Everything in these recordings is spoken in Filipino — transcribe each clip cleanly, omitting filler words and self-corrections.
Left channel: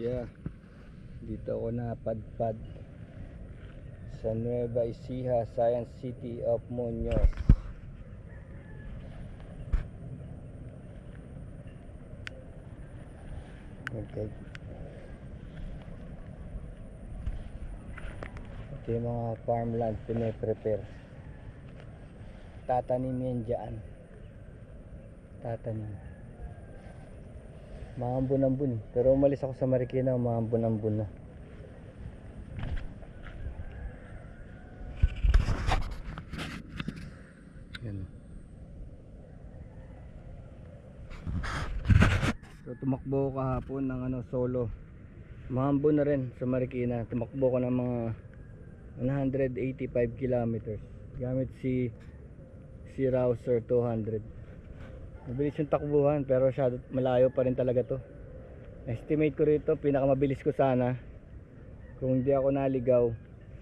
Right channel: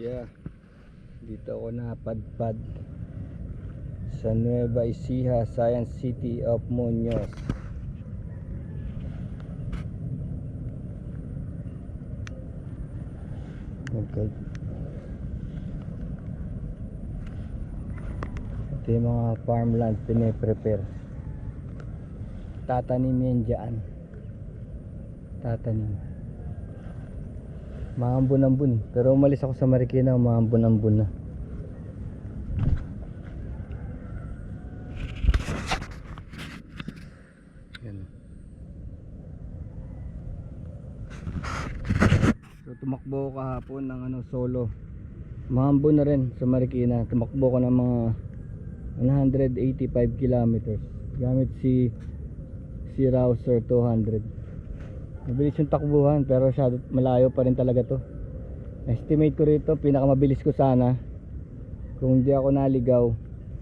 siya. Dito ako napadpad sa Nueva Ecija, Science City of Muñoz. Okay. Ito yung mga farmland piniprepare. Tatanim yan dyan. Tatanim. Maambon-ambon eh. Pero umalis ako sa Marikina, maambon-ambon na. Yan. So tumakbo ko kahapon ng solo. Maambon na rin sa Marikina. Tumakbo ko ng mga 185 kilometers gamit si Rouser 200. Mabilis yung takbuhan pero malayo pa rin talaga to. Estimate ko rito pinakamabilis ko sana kung hindi ako naligaw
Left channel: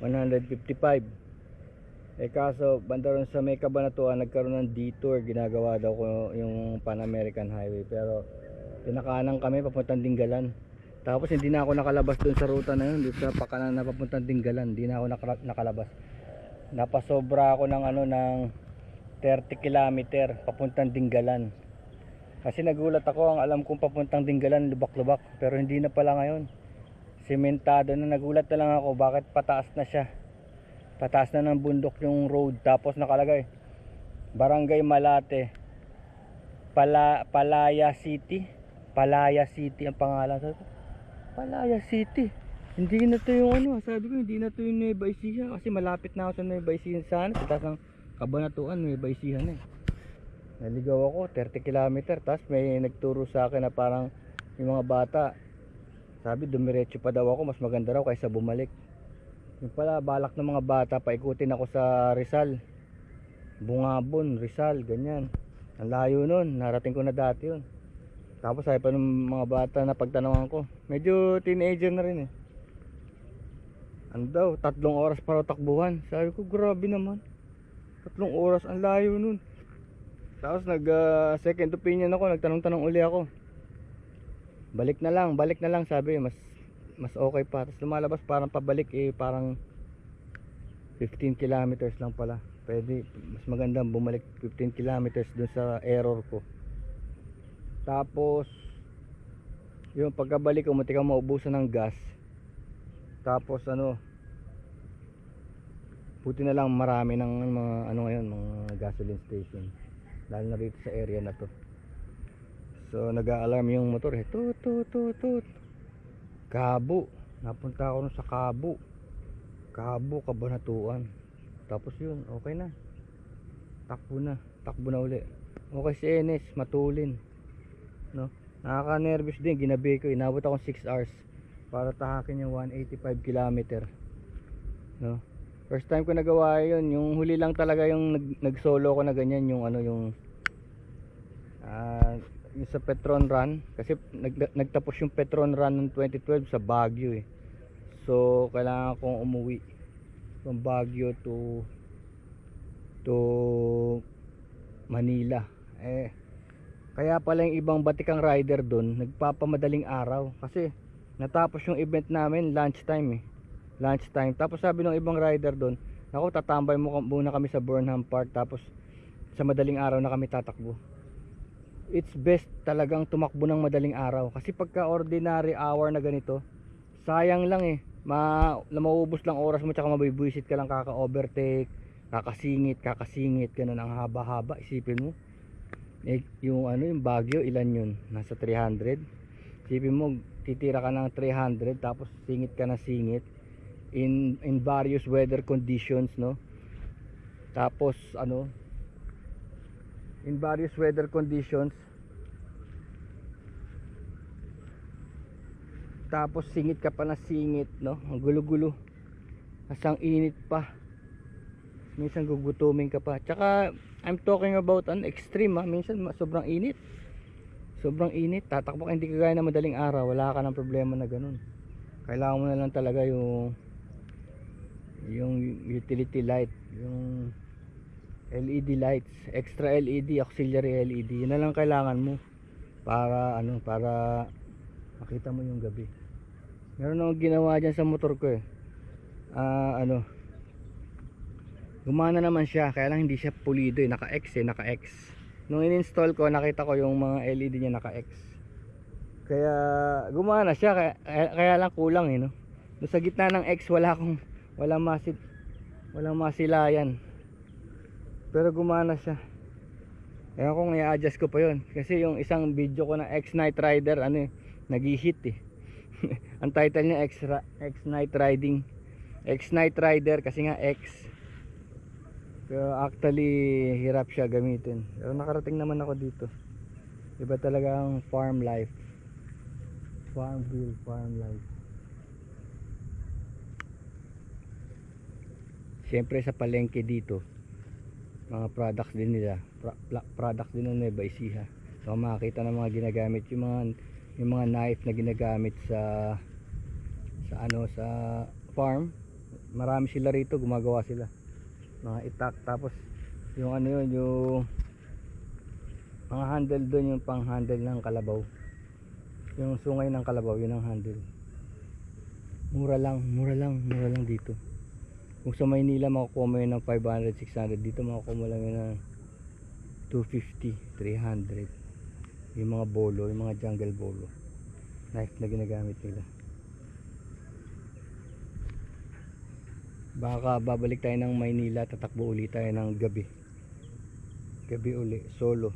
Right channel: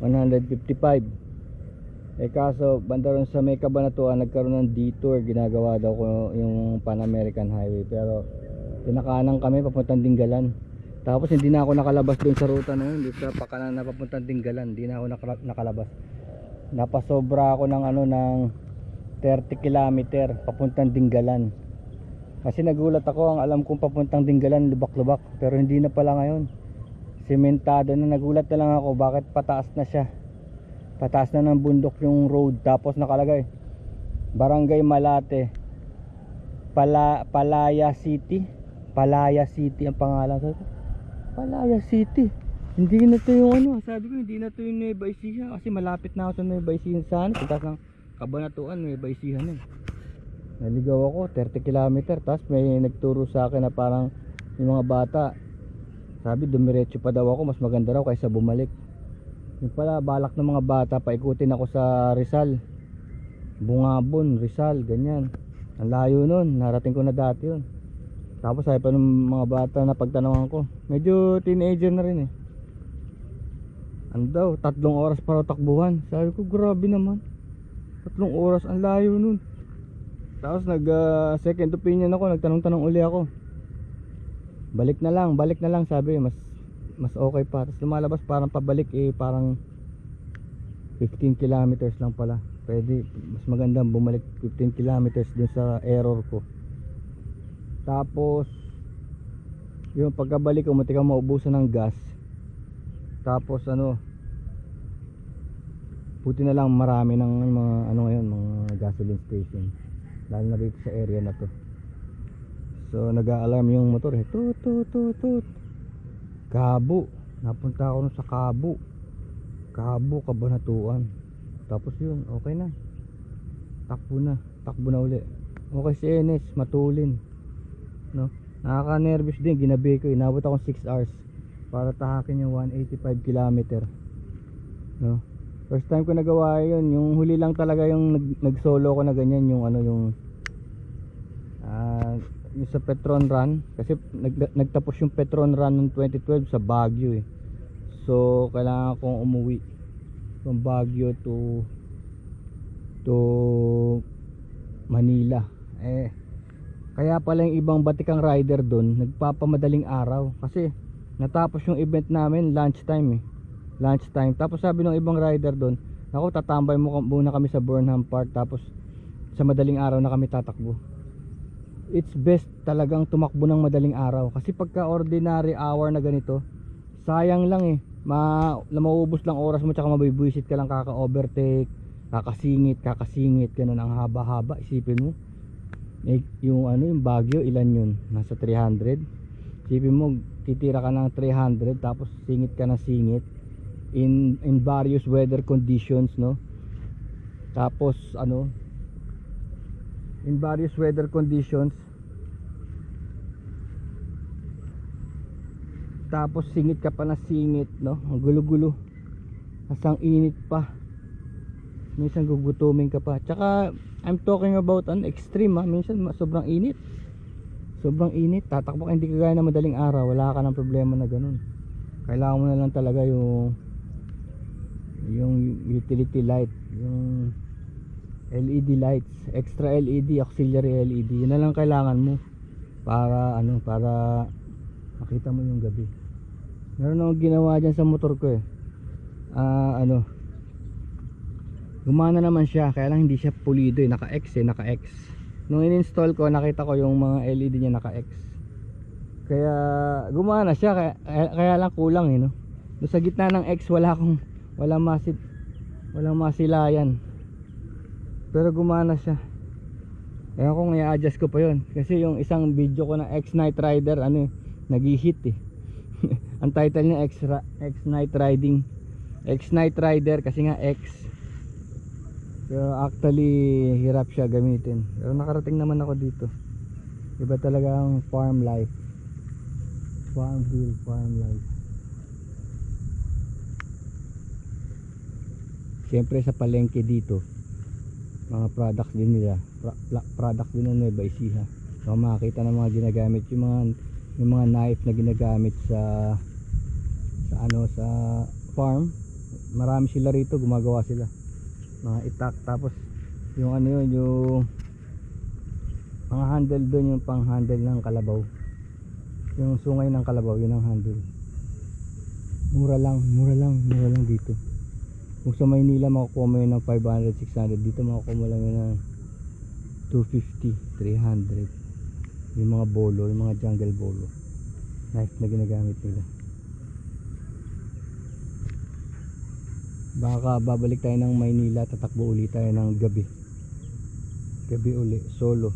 155. Kaso banda ron sa may Cabanatuan nagkaroon ng detour, ginagawa daw ko yung Pan American Highway, pero pinakanan kami papuntang Dingalan. Tapos hindi na ako nakalabas doon sa ruta na yun, dito sa pakanan na papuntang Dingalan, hindi na ako nakalabas. Napasobra ako ng ng 30 kilometer papuntang Dingalan. Kasi nagulat ako, ang alam kong papuntang Dingalan lubak-lubak, pero hindi na pala ngayon. Sementado na. Nagulat na lang ako bakit pataas na siya. Pataas na ng bundok yung road, tapos nakalagay Barangay Malate, Palaya City. Palaya City ang pangalan. Palaya City. Hindi na to yung sabi ko hindi na to yung Nueva Ecija, kasi malapit na ako sa Nueva Ecija sana. Punta sa Cabanatuan, Nueva Ecija na eh. Naligaw ako 30 kilometer. Tapos may nagturo sa akin na parang yung mga bata, sabi dumiretso pa daw ako, mas maganda raw kaysa bumalik. Yung pala balak ng mga bata paikutin ako sa Rizal, Bungabon, Rizal, ganyan. Ang layo nun, narating ko na dati yun. Tapos sabi pa ng mga bata na pagtanawan ko, medyo teenager na rin eh, ano daw, 3 oras para takbuhan. Sabi ko grabe naman, 3 oras, ang layo nun. Tapos second opinion ako, nagtanong-tanong uli ako, balik na lang sabi, mas okay pa. Tapos lumalabas parang pabalik parang 15 kilometers lang pala. Pwede, mas magandang bumalik 15 kilometers dun sa error ko. Tapos yung pagkabalik ko, muntik akong maubusan ng gas. Tapos buti na lang marami ng mga ngayon, mga gasoline station, lalo na dito sa area na to. So nag-a-alarm yung motor eh, tut. Cabo, napunta ako sa Cabo, Cabanatuan. Tapos yun, okay na, takbo na uli. Okay si Enes, matulin, no? Nakaka-nervous din, ginabi ko, inabot akong 6 hours para tahakin yung 185 kilometer, no? First time ko nagawa yun. Yung huli lang talaga yung nag-solo ko na ganyan, yung yung sa Petron Run. Kasi nagtapos yung Petron Run ng 2012 sa Baguio eh. So kailangan kong umuwi from Baguio to Manila. Kaya pala yung ibang batikang rider doon nagpapamadaling araw, kasi natapos yung event namin lunchtime. Tapos sabi ng ibang rider doon, ako tatambay muna kami sa Burnham Park, tapos sa madaling araw na kami tatakbo. It's best talagang tumakbo ng madaling araw, kasi pagka ordinary hour na ganito, sayang lang eh. Mauubos lang oras mo, tsaka mabibwisit ka lang, kaka-overtake, kakasingit, ganun ang haba-haba. Isipin mo yung Baguio, ilan yun? Nasa 300. Isipin mo, titira ka ng 300, tapos singit ka na singit in various weather conditions, no? Tapos in various weather conditions, tapos singit ka pa na singit, no? Ang gulo-gulo, asang init pa, minsan gugutumin ka pa. Tsaka I'm talking about an extreme minsan sobrang init, tatakbo ka, hindi ka gaya na madaling araw, wala ka ng problema na ganun. Kailangan mo na lang talaga yung utility light, yung LED lights, extra LED, auxiliary LED. Yun na lang kailangan mo para para makita mo yung gabi. Meron akong ginawa dyan sa motor ko eh. Ano, gumana naman siya, kaya lang hindi siya pulido eh, naka-X eh, naka-X. Nung in-install ko, nakita ko yung mga LED niya naka-X. Kaya gumana siya, kaya lang kulang eh, no? Doon sa gitna ng X, walang masilayan. Pero gumana siya. Ewan kung i-adjust ko pa yun. Kasi yung isang video ko na X Night Rider, ano eh, nag-hit eh. Ang title niya X Night Riding, X Night Rider kasi nga X. Pero actually hirap siya gamitin. Pero nakarating naman ako dito. Iba talaga ang farm life. Farmville, farm life. Siyempre sa palengke dito, mga products din nila, products din ng Nueva Ecija. So makakita ng mga ginagamit, yung mga knife na ginagamit sa farm. Marami sila rito, gumagawa sila mga itak. Tapos yung ano yun, yung mga handle doon, yung pang handle ng kalabaw, yung sungay ng kalabaw, yun ang handle. Mura lang dito. Kung sa Maynila makukuha mo yun ng 500, 600, dito makukuha mo lang yun ng 250, 300. Yung mga bolo, yung mga jungle bolo, knife na ginagamit nila. Baka babalik tayo ng Maynila, tatakbo ulit tayo ng gabi uli, solo.